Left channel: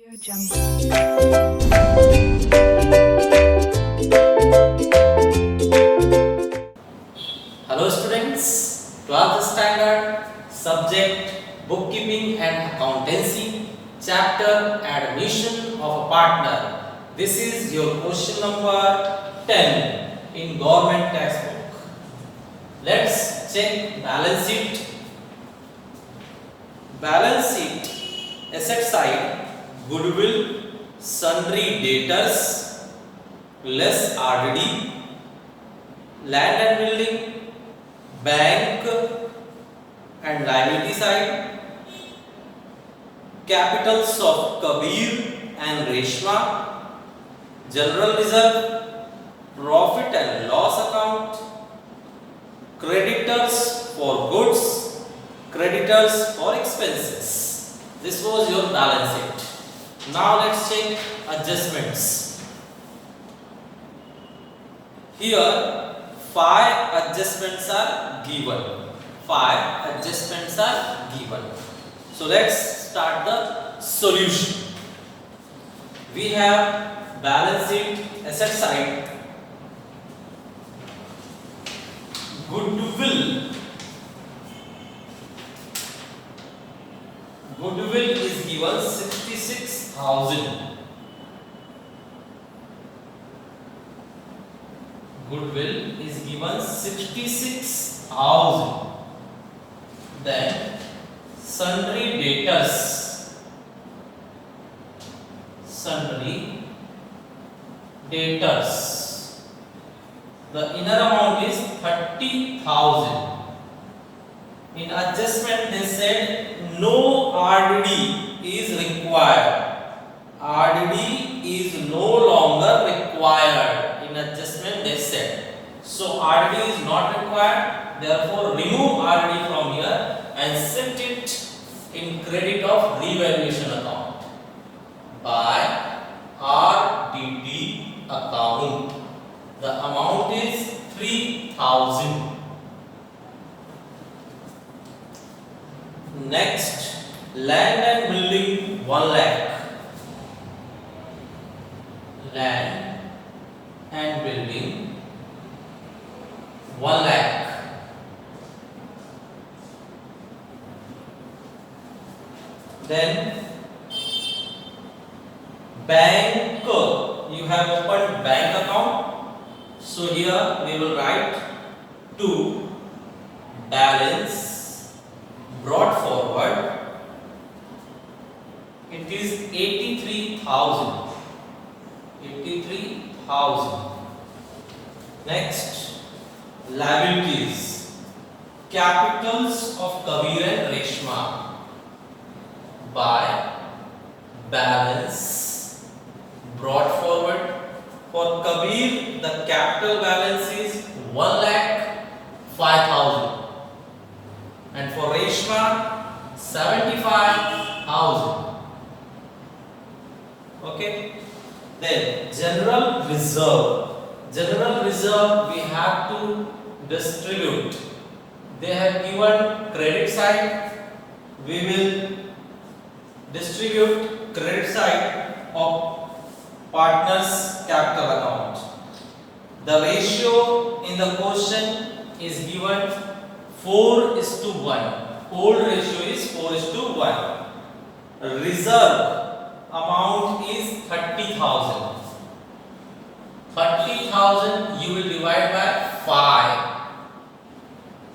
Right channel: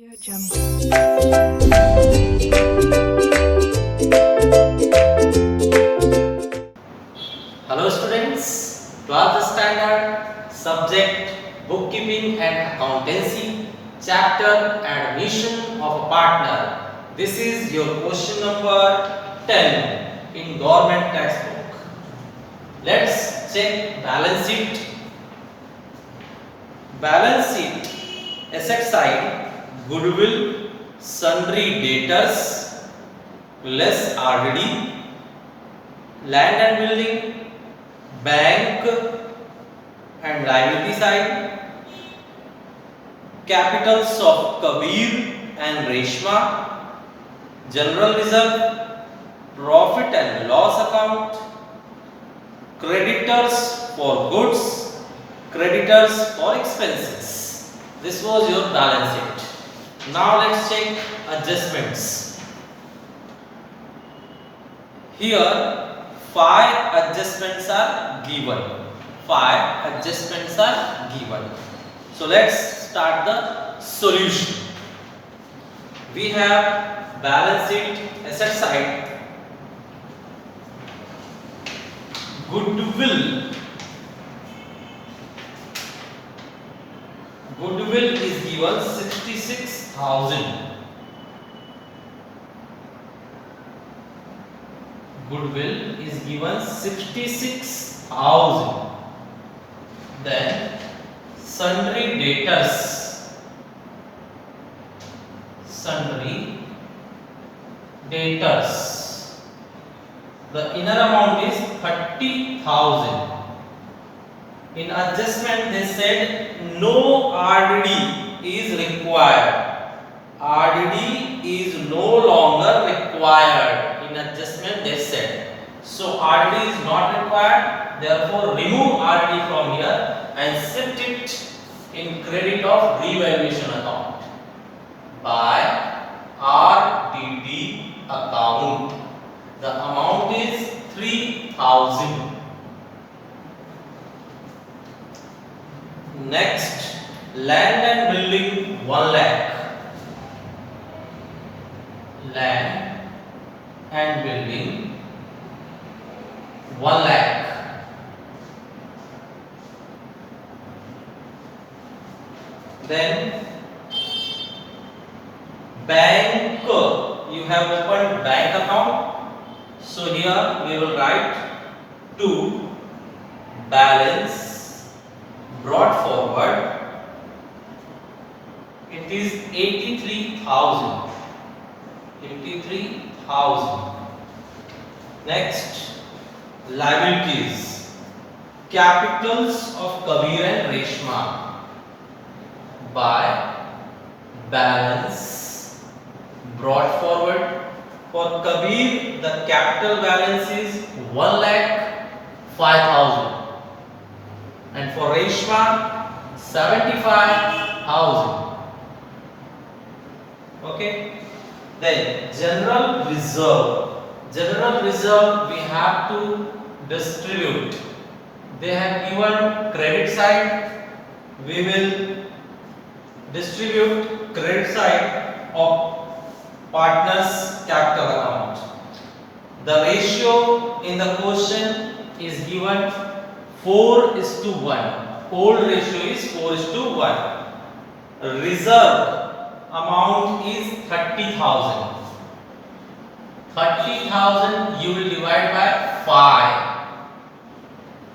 Audio Jungle. Hello students, 12th standard, subject bookkeeping and accountancy, chapter admission of a partner. This is your question number 10 in government textbook. Let's check balance sheet. Balance sheet, asset side, goodwill, sundry debtors, less RDD, land and building, bank and liability side, capitals of Kabir and Reshma, general reserve, profit and loss account, creditors for goods, creditors for expenses. This was your balance sheet. Now let's check adjustments. Here 5 adjustments are given. 5 adjustments are given. So let's start the solution. We have balance sheet, asset side, goodwill. Goodwill is given 66,000. Goodwill is given 66,000. Then sundry debtors. Sundry debtors. The inner amount is 30,000. In adjustment they said no RDD is required. RDD is no longer required. In adjustment they said. So RDD is not required. Therefore remove RDD from here and set it in credit of revaluation account by RDD account. The amount is 3,000. Next, land and building 1 lakh. Land and building 1 lakh. Then bank, you have opened bank account. So here we will write to balance brought forward. It is 83,000. 83,000. Next, liabilities, capitals of Kabir and Reshma by balance brought forward. For Kabir, the capital balance is 1,05,000, and for Reshma 75,000. Okay. Then general reserve. General reserve we have to distribute. They have given credit side. We will distribute credit side of partners capital account. The ratio in the question is given 4:1. Old ratio is 4:1. Reserve amount is 30,000. 30,000 you will divide by 5.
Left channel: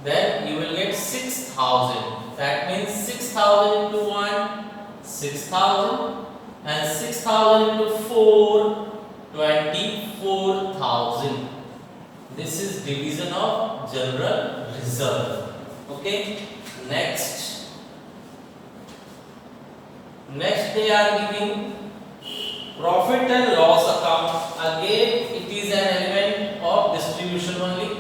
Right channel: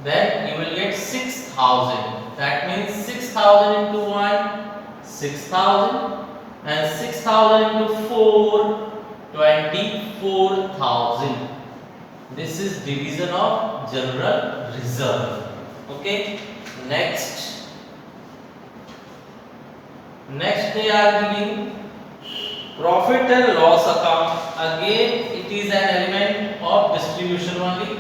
Then you will get 6,000. That means 6,000 into 1, 6,000, and 6,000 into 4, 24,000. This is division of general reserve. Okay. Next they are giving profit and loss account. Again it is an element of distribution only.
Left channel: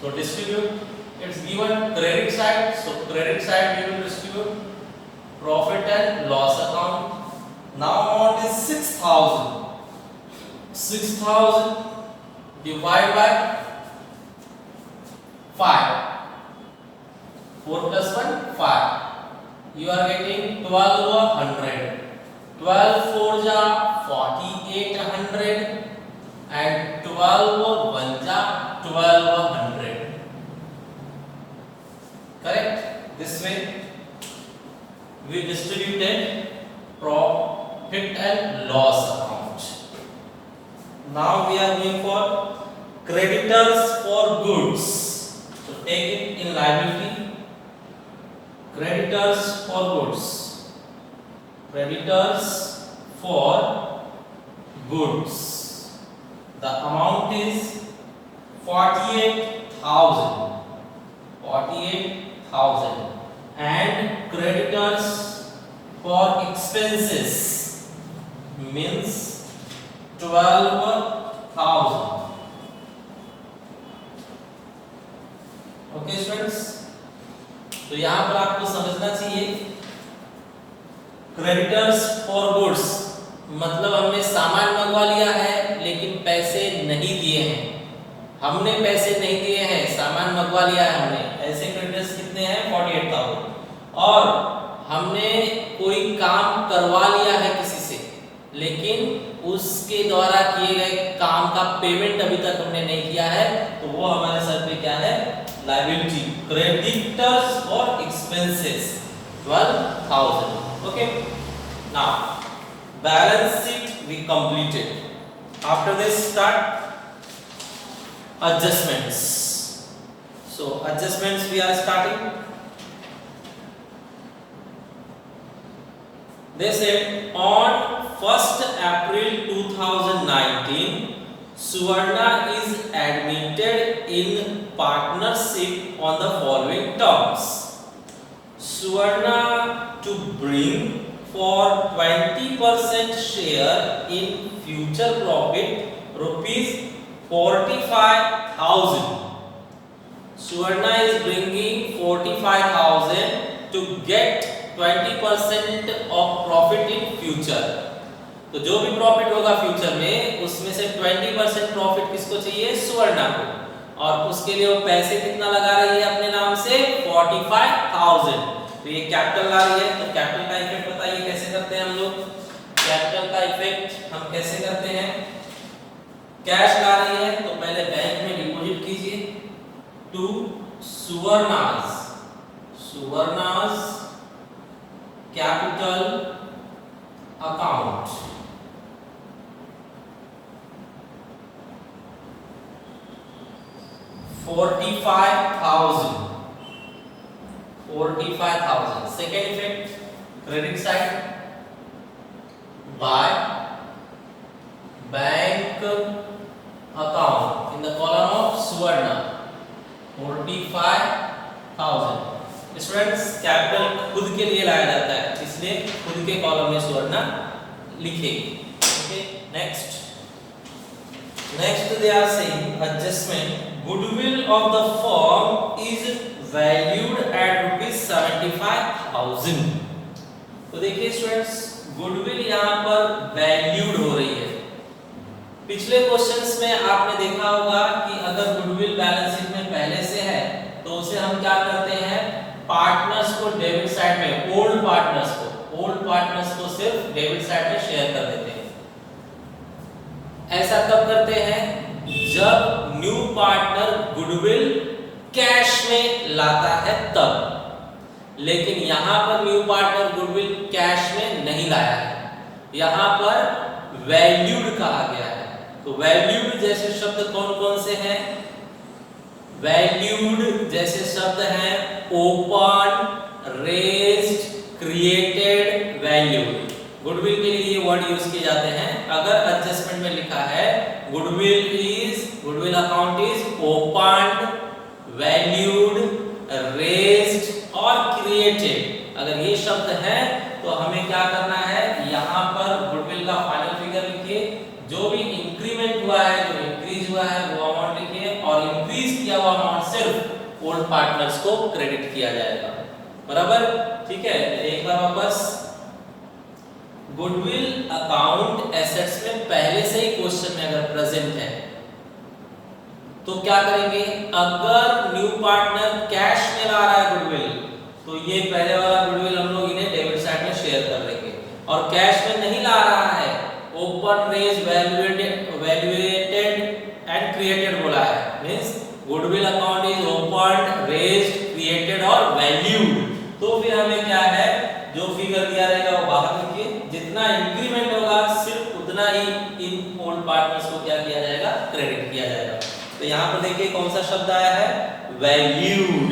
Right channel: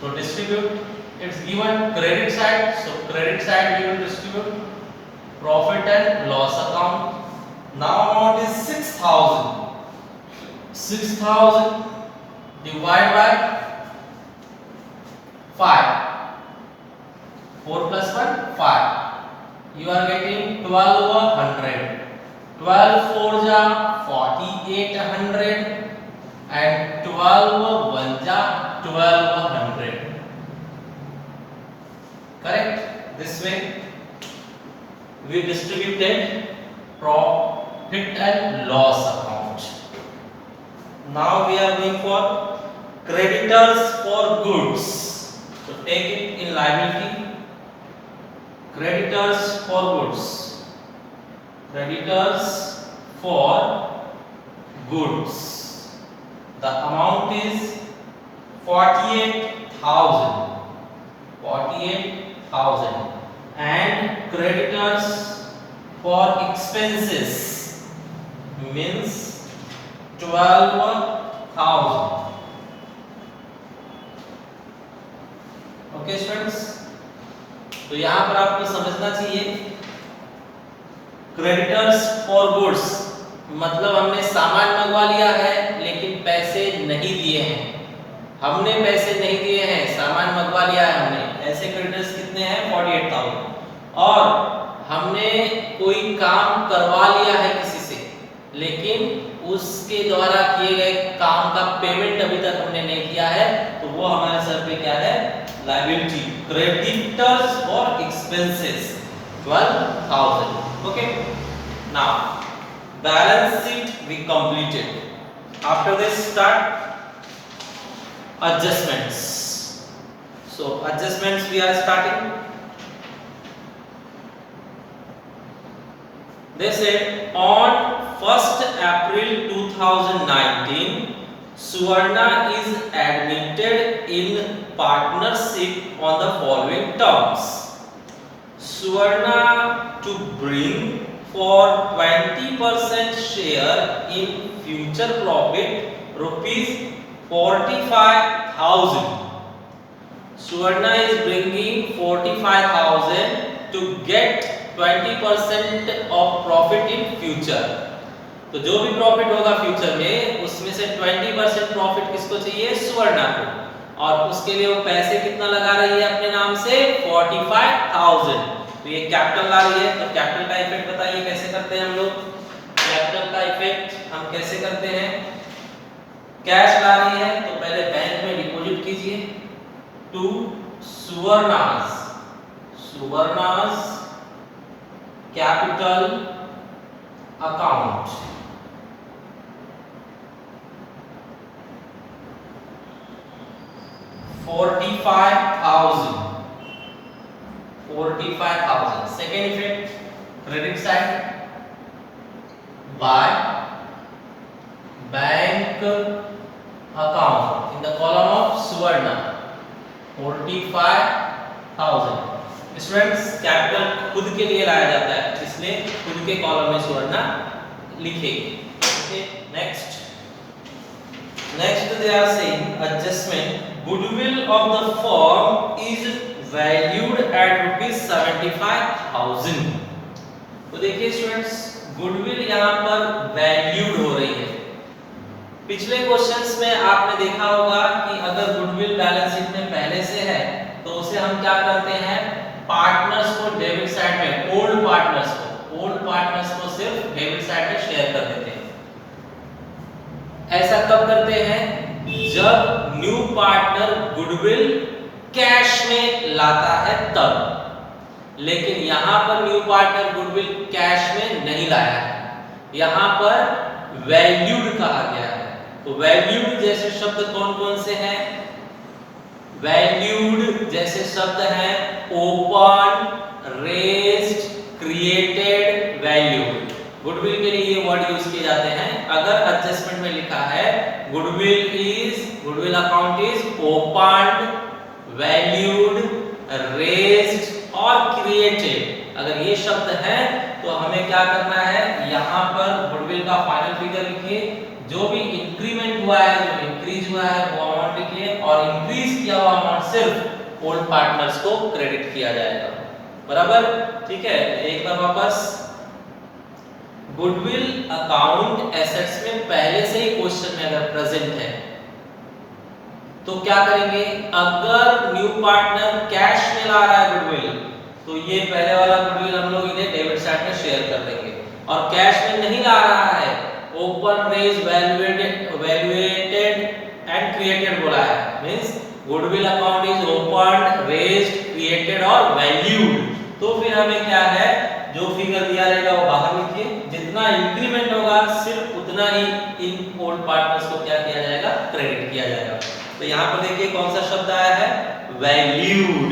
So distribute. It's given credit side. So credit side we will distribute profit and loss account. Now amount is 6,000. 6,000 divided by 5. 4 plus 1, 5. You are getting 12/100. 12 4 जा 4800 and 12 1 जा 1200. Correct? This way we distributed profit and loss account. Now we are going for creditors for goods. So take it in liability. Creditors for goods. Creditors for goods. The amount is 48,000. 48,000. And creditors for expenses means 12,000. Okay students, तो यहां पर आपको समझना चाहिए creditors for goods मतलब हमने सामान मंगवा लिया है लेकिन पैसे नहीं दिए हैं। हमने पैसे नहीं दिए हैं, सामान मंगवा लिया है हमने, ऐसे क्रेडिटर्स कितने हैं 48,000। और हमने कोई काम करवा लिया है किसी से लेकिन उसके द्वारा किए गए काम का पेमेंट अभी तक हमने नहीं किया है, तो वो हमारे सर पे क्या है liability. Creditors for expenses 12,000. Okay, now balance sheet we completed. After this start adjustments. So adjustments we are starting. They said on 1st April 2019 Suvarna is admitted in partnership on the following terms. Suvarna to bring for 20% share in future profit rupees 45,000. Suvarna is bringing 45,000 to get 20% of profit in future. तो जो भी प्रॉफिट होगा फ्यूचर में उसमें से 20% प्रॉफिट किसको चाहिए सुवर्णा को, और उसके लिए वो पैसे कितना लगा रही है अपने नाम से 45,000। तो ये कैपिटल ला रही है, तो कैपिटल का इफेक्ट बताइए कैसे करते हैं हम लोग। कैपिटल का इफेक्ट हम कैसे करते हैं, कैश ला रही है तो पहले बैंक में डिपॉजिट कीजिए to Suvarna's capital account. 45,000 second effect credit side by bank account in the column of Suvarna 45,000। Students capital खुद के लिए लाया जाता है इसलिए खुद के कॉलम में सुवर्णा लिखेगी। Okay, next they are saying adjustment goodwill of the firm is valued at ₹75,000। तो देखिए स्टूडेंट्स गुडविल यहाँ पर वैल्यूड हो रही है। पिछले क्वेश्चंस में आपने देखा होगा कि अगर गुडविल बैलेंस शीट में पहले से है तो उसे हम क्या करते हैं पार्टनर्स को डेबिट साइड में, ओल्ड पार्टनर्स को सिर्फ डेबिट साइड में शेयर कर देते हैं। ऐसा कब करते हैं जब न्यू पार्टनर गुडविल कैश में लाता है तब, लेकिन यहां पर न्यू पार्टनर गुडविल कैश में नहीं लाया है, यहां पर वैल्यूड कहा गया है। तो वैल्यूड जैसे शब्द कौन कौन से हैं, वैल्यूड जैसे शब्द हैं open, raised, created, valued. Goodwill के लिए ये वर्ड यूज किए जाते हैं। अगर एडजस्टमेंट में लिखा है goodwill account is opened, valued, raised और क्रिएटेड, अगर ये शब्द हैं तो हमें क्या करना है यहाँ पर गुडविल का फाइनल फिगर लिखिए, जो भी इंक्रीमेंट हुआ है, जो इंक्रीज हुआ है वो अमाउंट लिखिए, और इंक्रीज किया हुआ अमाउंट सिर्फ ओल्ड पार्टनर्स को क्रेडिट किया जाएगा। बराबर, ठीक है। एक बार वापस, गुडविल अकाउंट एसेट्स में पहले से ही क्वेश्चन में अगर प्रेजेंट है तो क्या करेंगे, अगर न्यू पार्टनर कैश में ला रहा है गुडविल तो ये पहले वाला गुडविल हम लोग इन्हें डेबिट साइड में शेयर कर देंगे, और कैश में नहीं ला रहा है, open raise valuated and created बोला है, means goodwill account is open raised created और वैल्यूड। तो फिर हमें क्या है, जो फिगर दिया रहेगा वो बाहर लिखिए, जितना इंक्रीमेंट होगा सिर्फ उतना ही इन ओल्ड पार्टनर्स को क्या किया जाएगा, क्रेडिट किया जाएगा। तो यहाँ पर देखिए कौन सा शब्द आया है, valued.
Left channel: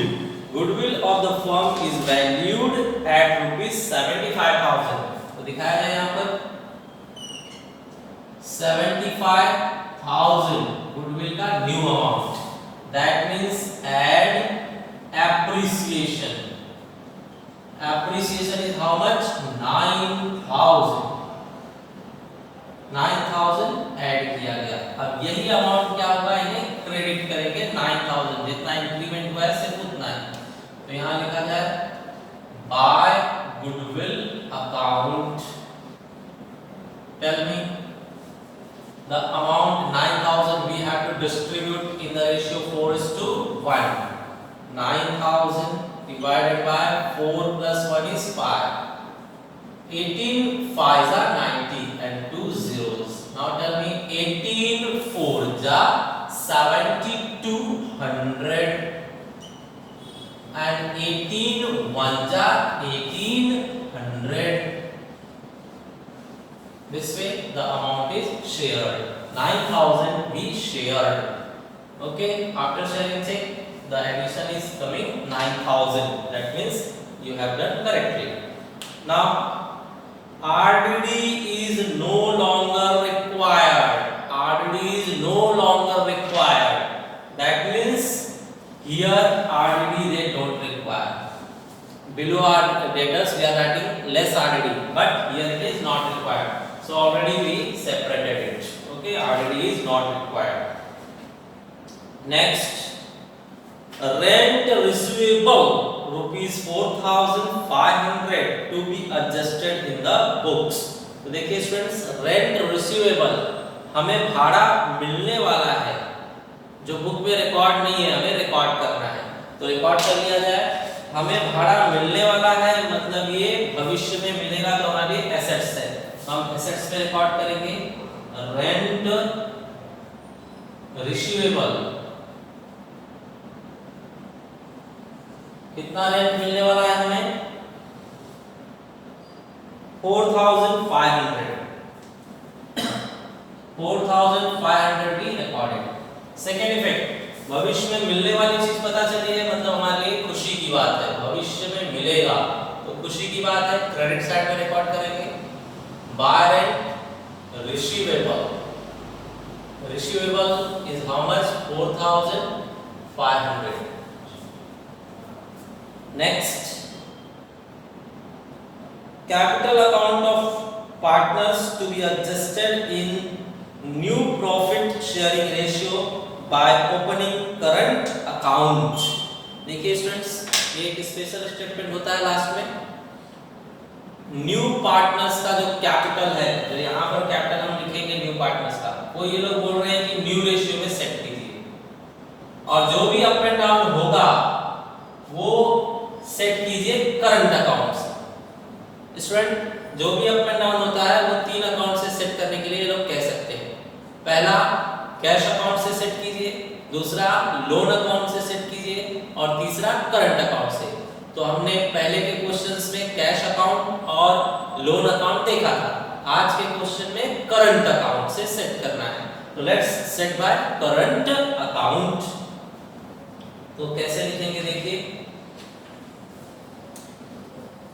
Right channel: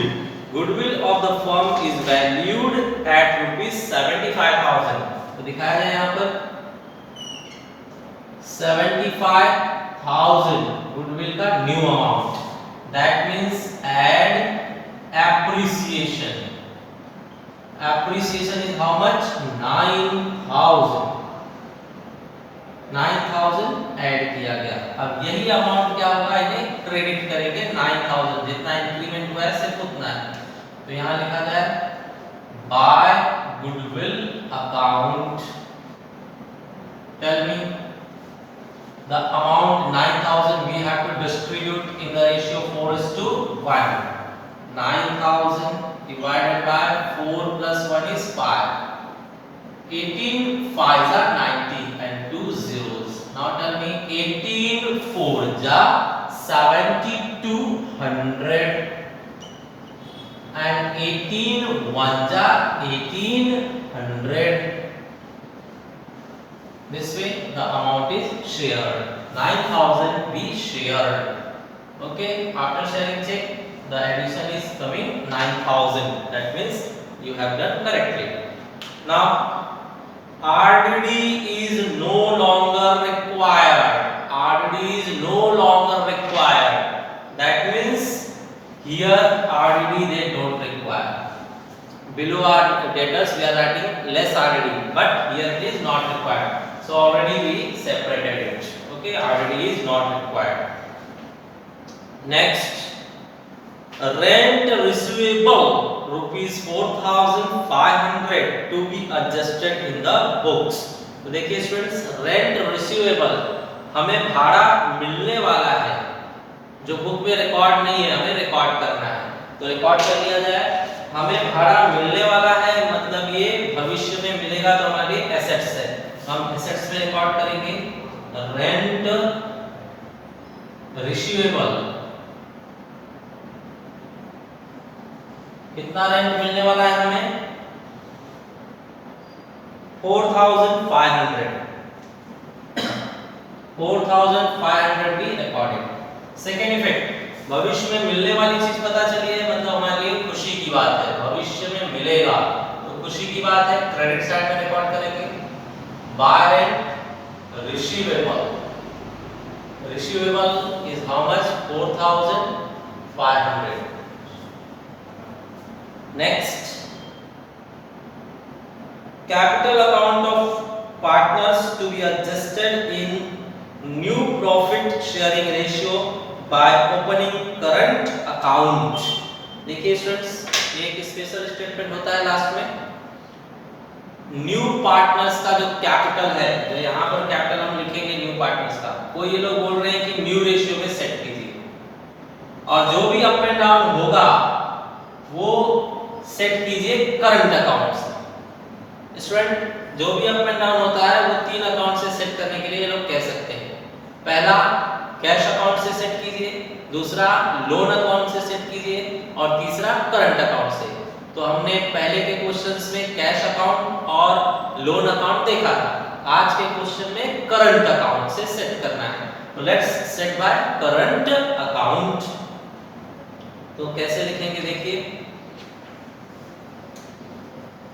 Goodwill of the firm is valued at ₹75,000। तो दिखाया है यहाँ पर 75,000 गुडविल का new amount, that means add appreciation. Appreciation is how much? 9,000. 9,000 add किया गया। अब यही अमाउंट क्या होगा, इन्हें क्रेडिट करेंगे 9,000, जितना इंक्रीमेंट हुआ है सिर्फ उतना है। तो यहाँ लिखा जाए by goodwill account, tell me the amount 9,000 we have to distribute in the ratio 4:1. 9,000 divided by 4 plus 1 is 5. 18 5s are 90 and 2 zeros. Now tell me 18 4 ja 7,200 and 18 1 ja 1,800. This way the amount is shared. 9,000 we shared. Okay, after sharing check, the addition is coming 9,000. That means you have done correctly. Now RDD is no longer required. RDD is no longer required. That means here RDD they don't require. Below our debtors we are writing less RDD, but here it is not required. So already we separated it. Okay, RDD is not required. Next, rent receivable ₹4,500 to be adjusted in the books. तो देखिए students, rent receivable हमें भाड़ा मिलने वाला है, जो बुक में रिकॉर्ड नहीं है, हमें रिकॉर्ड करना है। तो रिकॉर्ड कर लिया जाए, हमें भाड़ा मिलने वाला है, मतलब ये भविष्य में मिलेगा, तो हमारे एसेट्स है, हम एसेट्स में रिकॉर्ड करेंगे रेंट रिसीवेबल। कितना रेंट मिलने वाला है हमें, 4,500। 4,500 भी रिकॉर्डेड। सेकेंड इफेक्ट, भविष्य में मिलने वाली चीज पता चली है, मतलब हमारे लिए खुशी की बात है, भविष्य में मिलेगा तो खुशी की बात है, क्रेडिट साइड में रिकॉर्ड करेंगे by rent receivable. Receivable is how much, 4,500। Next, capital account of partners to be adjusted in new profit sharing ratio by opening current account. देखिए स्टूडेंट्स, एक स्पेशल स्टेटमेंट होता है लास्ट में, न्यू पार्टनर्स का जो कैपिटल है, जो यहाँ पर कैपिटल हम लिखेंगे न्यू पार्टनर्स का, वो ये लोग बोल रहे हैं कि न्यू रेशियो में सेट कीजिए, और जो भी अप एंड डाउन होगा वो सेट कीजिए करंट अकाउंट से। स्टूडेंट, जो भी अप एंड डाउन होता है वो 3 अकाउंट से सेट करने के लिए ये लोग कह सकते हैं। पहला कैश अकाउंट से सेट कीजिए, दूसरा लोन अकाउंट से सेट कीजिए, और तीसरा करंट अकाउंट से। तो हमने पहले के क्वेश्चंस में कैश अकाउंट और लोन अकाउंट देखा था, आज के क्वेश्चन में करंट अकाउंट से सेट करना है। तो let's set by current account. तो कैसे लिखेंगे, देखिए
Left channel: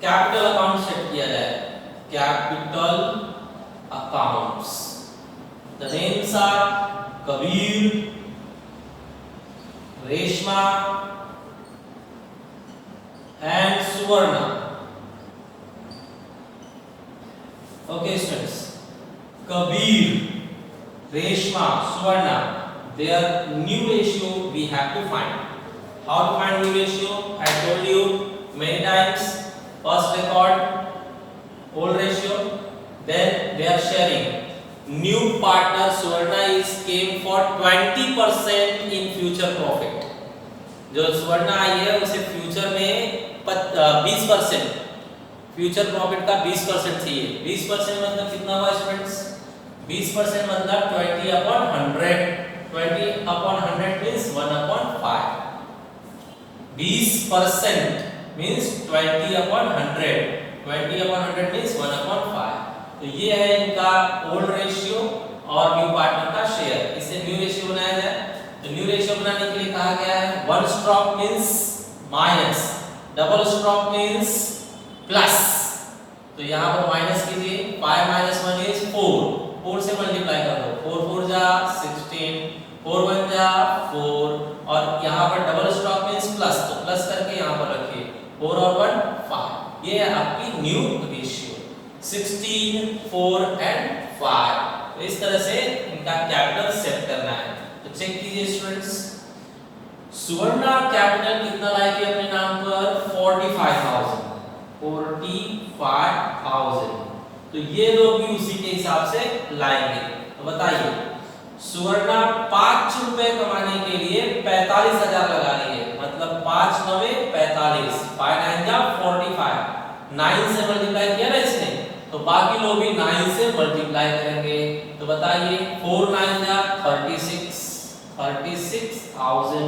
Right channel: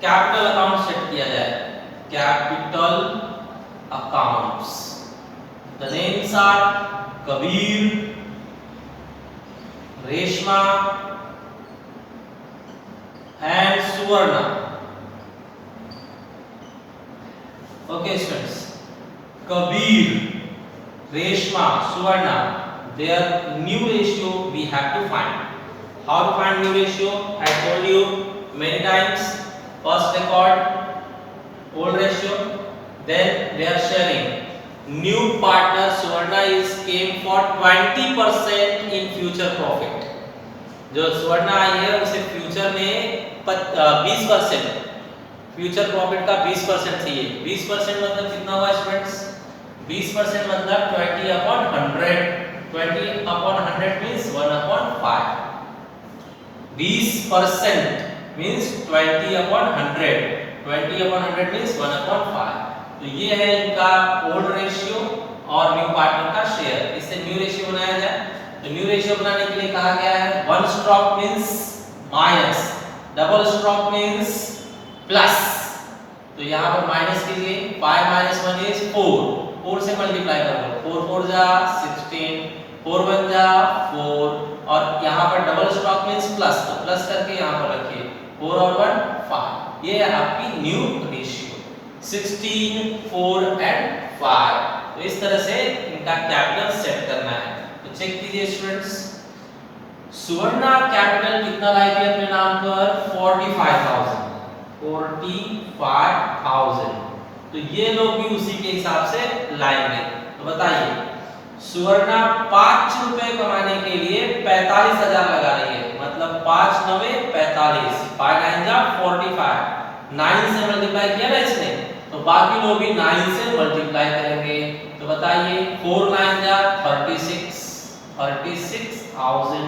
कैपिटल अकाउंट सेट किया जाए, capital accounts, the names are Kabir, Reshma and Suvarna. Okay students, Kabir, Reshma, Suvarna, their new ratio we have to find. How to find new ratio? I told you many times. First record old ratio, then they are sharing. New partner Suvarna is came for 20% in future profit. जो सुवर्ण आई है उसे फ्यूचर में 20% future profit का 20% चाहिए। 20% मतलब कितना हुआ स्टूडेंट्स? 20% मतलब 20/100। 20/100 मींस 1/5। 20% मींस 20/100। 20/100 मींस 1/5। तो ये है इनका ओल्ड रेशियो और न्यू पार्टनर का शेयर। इससे न्यू रेशियो बनाया जाए। तो न्यू रेशियो बनाने के लिए कहा गया है one stroke means minus, double stroke means plus. तो यहाँ पर माइनस कीजिए, 5 - 1 इज 4। 4 से मल्टीप्लाई कर लो, 4 4 जा 16, 4 1 जा 4, और यहाँ पर डबल स्ट्रोक मींस प्लस, तो प्लस करके यहाँ पर रखिए 4 और 1 5। ये है आपकी न्यू रेशियो 16, 4 एंड 5। तो इस तरह से इनका कैपिटल सेट करना है। तो चेक कीजिए स्टूडेंट्स, सुवर्णा कैपिटल कितना लाई थी अपने नाम पर? 45,000। 45,000। तो ये लोग भी उसी के हिसाब से लाएंगे। तो बताइए, सुवर्णा 5 रुपए कमाने के लिए 45,000 लगा रही है, मतलब 5 × 9 = 45, 5 9 जा 45। 9 से मल्टीप्लाई किया ना इसने, तो बाकी लोग भी 9 से मल्टीप्लाई करेंगे। तो बताइए 4 9 जा 36, 36,000।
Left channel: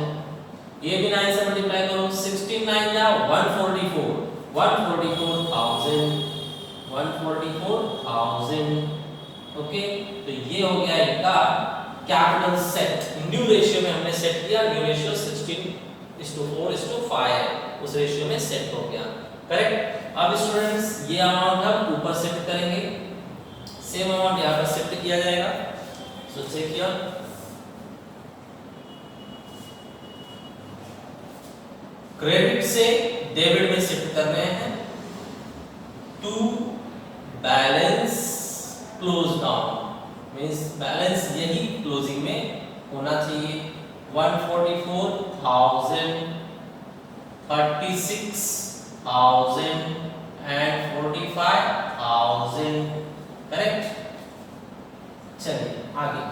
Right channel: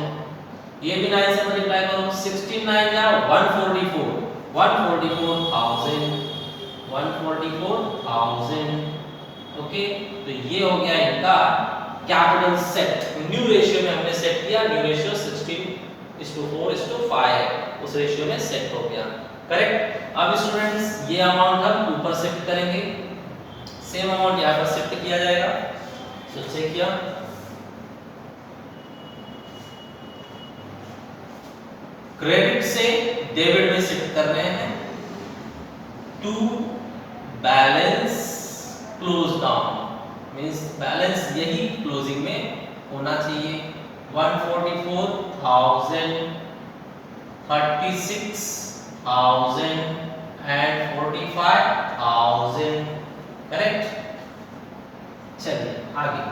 ये भी 9 से मल्टीप्लाई करो, 16 9 जा 144, 144,000, 144,000। ओके, तो ये हो गया इनका कैपिटल सेट। न्यू रेशियो में हमने सेट किया, न्यू रेशियो 16:4:5 है, उस रेशियो में सेट हो गया। करेक्ट। अब स्टूडेंट्स ये अमाउंट हम ऊपर शिफ्ट करेंगे, सेम अमाउंट यहाँ पर शिफ्ट किया जाएगा। तो चेक किया, क्रेडिट से डेबिट में शिफ्ट कर रहे हैं to balance close down, means balance यही क्लोजिंग में होना चाहिए। 144,000, 36,000 एंड 45,000। करेक्ट। चलिए आगे,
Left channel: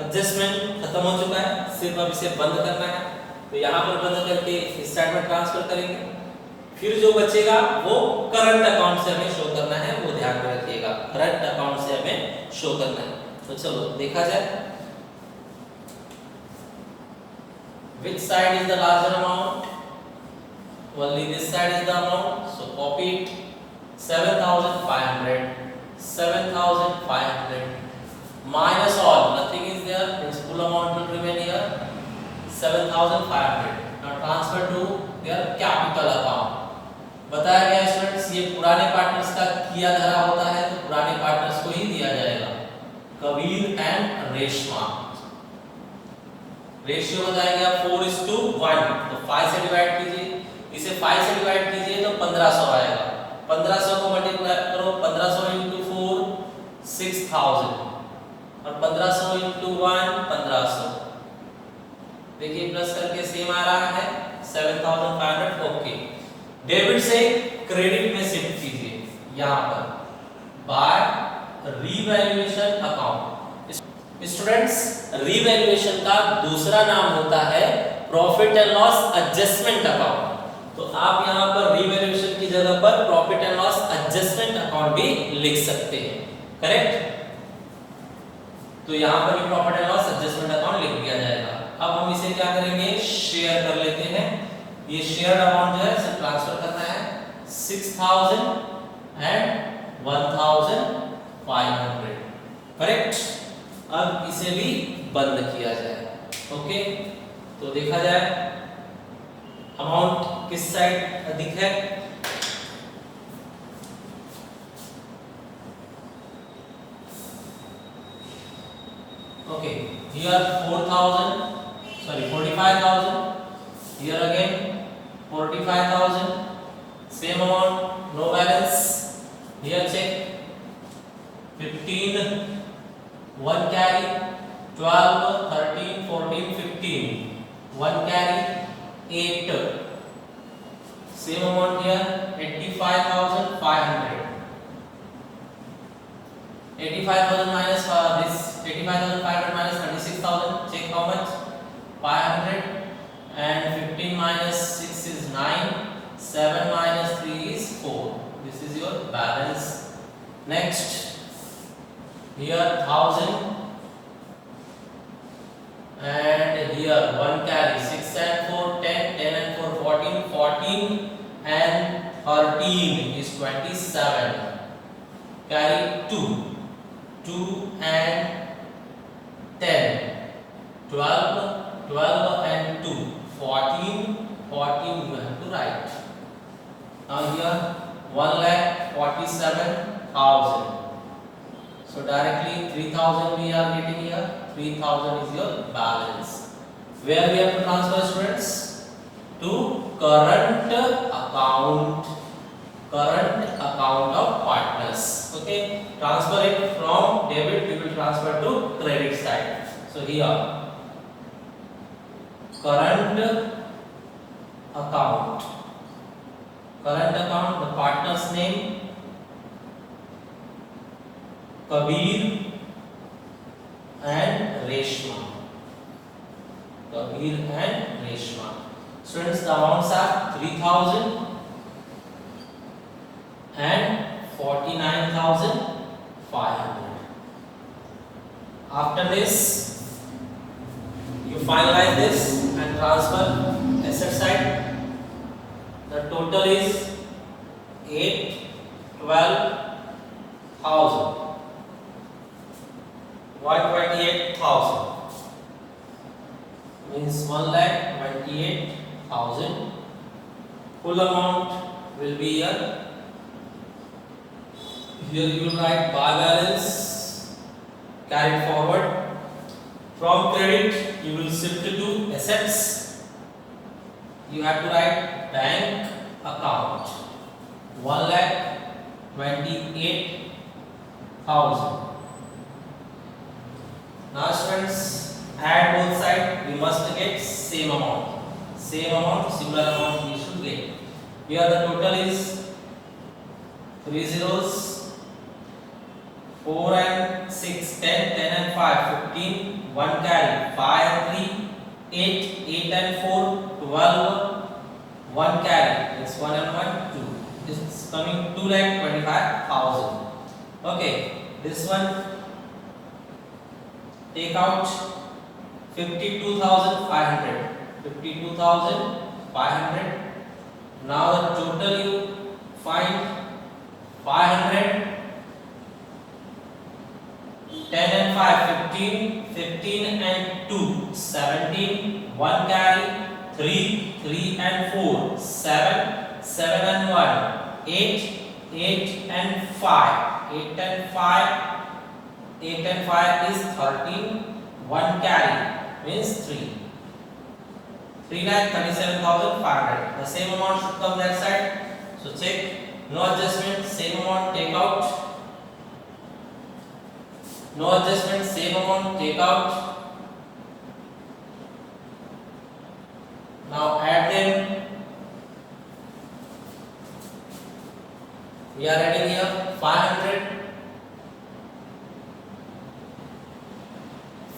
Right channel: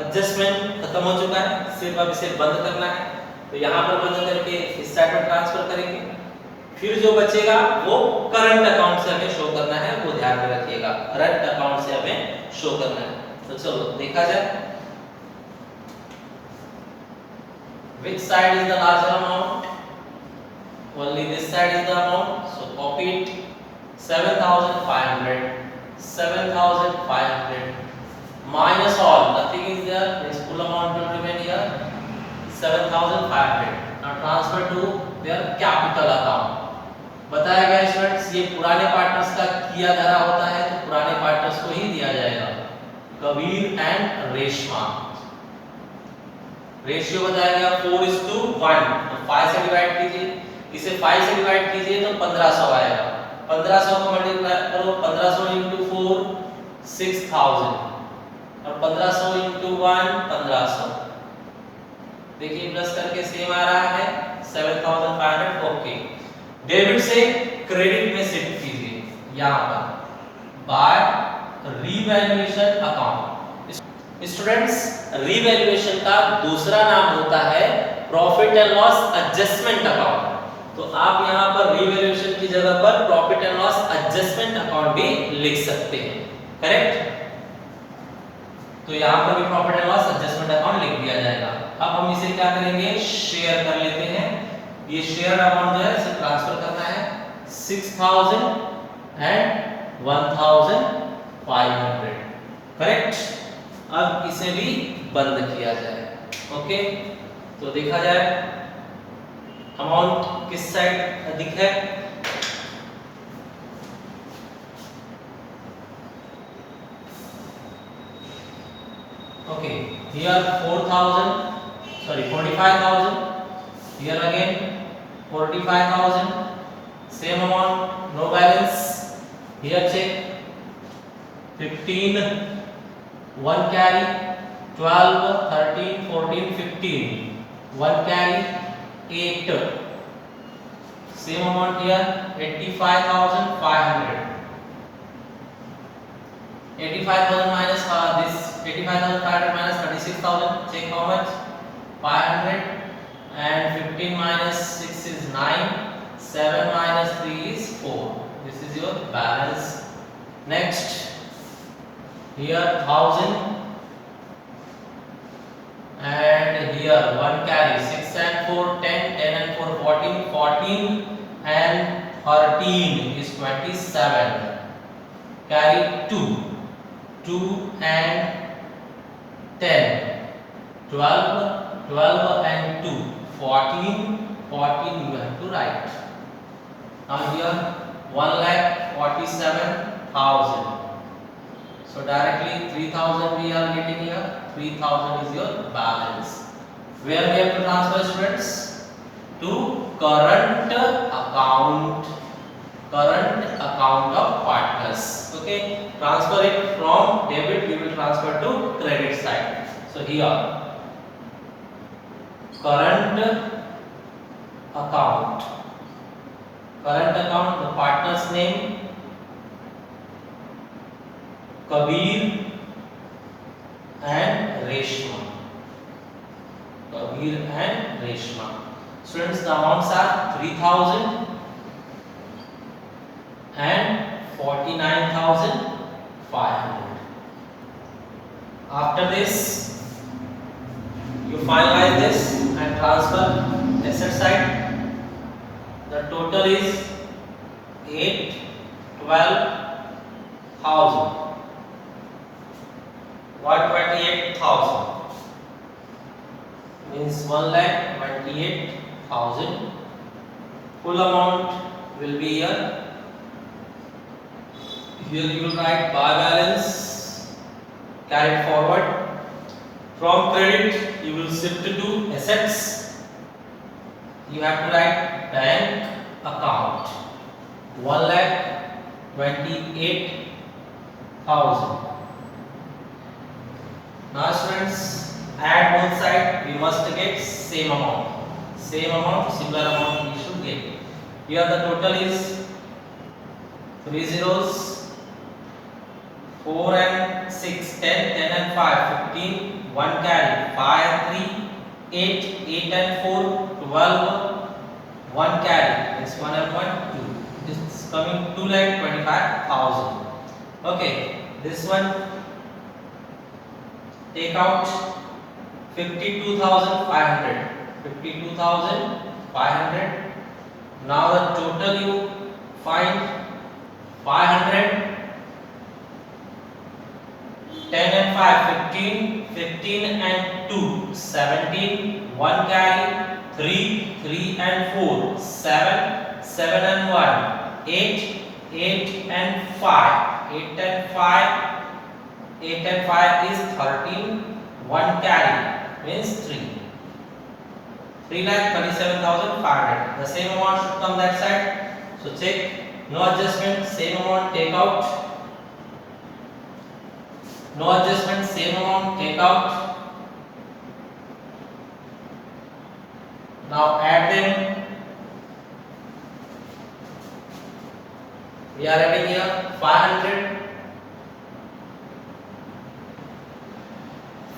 एडजस्टमेंट खत्म हो चुका है, सिर्फ अब इसे बंद करना है। तो यहाँ पर बंद करके इस साइड में ट्रांसफर करेंगे, फिर जो बचेगा वो करंट अकाउंट से हमें शो करना है, वो ध्यान में रखिएगा, करंट अकाउंट से हमें शो करना है। तो चलो देखा जाए, which side is the larger amount? Only this side is the amount, so copy it. 7,500, 7,500 minus all, nothing is there, means full amount will remain here, 7,500. Now transfer to their capital account. बताया गया स्टूडेंट्स, ये पुराने पार्टनर्स का किया धरा होता है, तो पुराने पार्टनर्स को ही दिया जाएगा, कबीर एंड रेशमा। रेशियो बताया गया 4:1, तो 5 से डिवाइड कीजिए, इसे 5 से डिवाइड कीजिए तो 1500 आएगा। 1500 को मल्टीप्लाई करो, 1500 × 4 6,000, और 1500 × 1 1500। देखिए प्लस करके सेम आ रहा है 7,500। ओके, डेबिट से क्रेडिट में शिफ्ट कीजिए यहाँ पर by revaluation account. Students, revaluation का दूसरा नाम होता है profit and loss adjustment account. तो आप यहाँ पर रीवैल्यूएशन की जगह पर profit and loss adjustment account भी लिख सकते हैं। करेक्ट। तो यहाँ पर भी profit and loss adjustment account लिख दिया जाएगा। अब हम इसे क्या करेंगे, शेयर कर लेते हैं। ये शेयर अमाउंट जो है इसे ट्रांसफर करना है 6,000 एंड 1,500। करेक्ट। अब इसे भी बंद किया जाए। ओके, तो देखा जाए अमाउंट किस साइड अधिक है। Okay, here 45,000, here again 45,000, same amount, no balance. Here check 15, 1 carry, 12, 13, 14, 15, 1 carry, 8. Same amount here 85,500. 85,000 minus this 85,500 minus 36,000. Check how much? 500. and 15 minus 6 is 9, 7 minus 3 is 4. This is your balance. Next, here 1000 and here 1 carry, 6 and 4 10, 10 and 4 14, 14 and 13 is 27. Carry 2, 2 and 10, 12, 12 and 2, 14, 14 you have to write. Now here 1,47,000. So directly 3,000 we are getting here. 3,000 is your balance. Where we have to transfer, students? To current account. Current account of partners. Okay. Transfer it from debit. We will transfer to credit side. So here current account. Current account. The partner's name Kabir and Reshma. Kabir and Reshma. Students, the amounts are 3,000 and 49,500. After this, you finalize this and transfer asset side. The total is 12,000. 128,000 means 1,28,000. Full amount will be here. Here you will write bar balance carried forward. From credit you will shift to assets. You have to write bank account 1,28,000. Now students, add both sides, we must get same amount. Same amount, similar amount we should get. Here the total is 3 zeros, 4 and 6, 10, 10 and 5, 15, 1 carry, 5 and 3, 8, 8 and 4, 12, 1 carry, it's 1 and 1, 2. It's coming 2,25,000. Okay, this one take out 52,500. 52,500. Now the total you find 500. 10 and 5, 15, 15 and 2, 17, 1 carry, 3, 3 and 4, 7, 7 and 1, 8, 8 and 5, 8 and 5, 8 and 5 is 13, 1 carry means 3. 3,37,500. The same amount should come that side. So check, no adjustment, same amount take out. No adjustment, same amount take out. Now add them. We are adding here 500.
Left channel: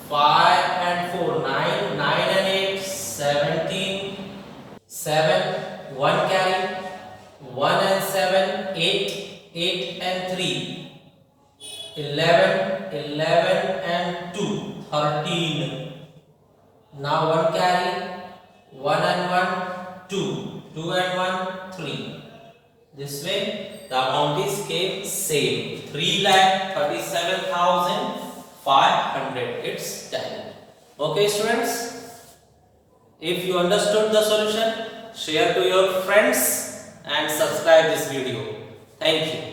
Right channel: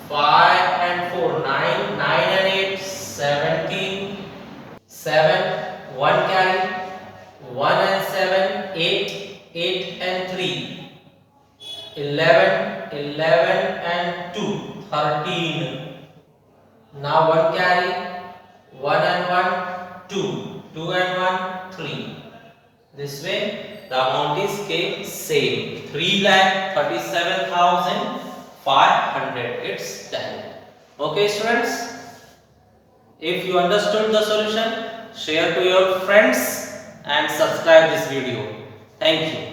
5 and 4, 9, 9 and 8, 17, 7, 1 carry, 1 and 7, 8, 8 and 3, 11, 11 and 2, 13. Now 1 carry, 1 and 1, 2, 2 and 1, 3. This way the amount is kept same, 3,37,500. It's done. Okay students, if you understood the solution, share to your friends and subscribe this video. Thank you.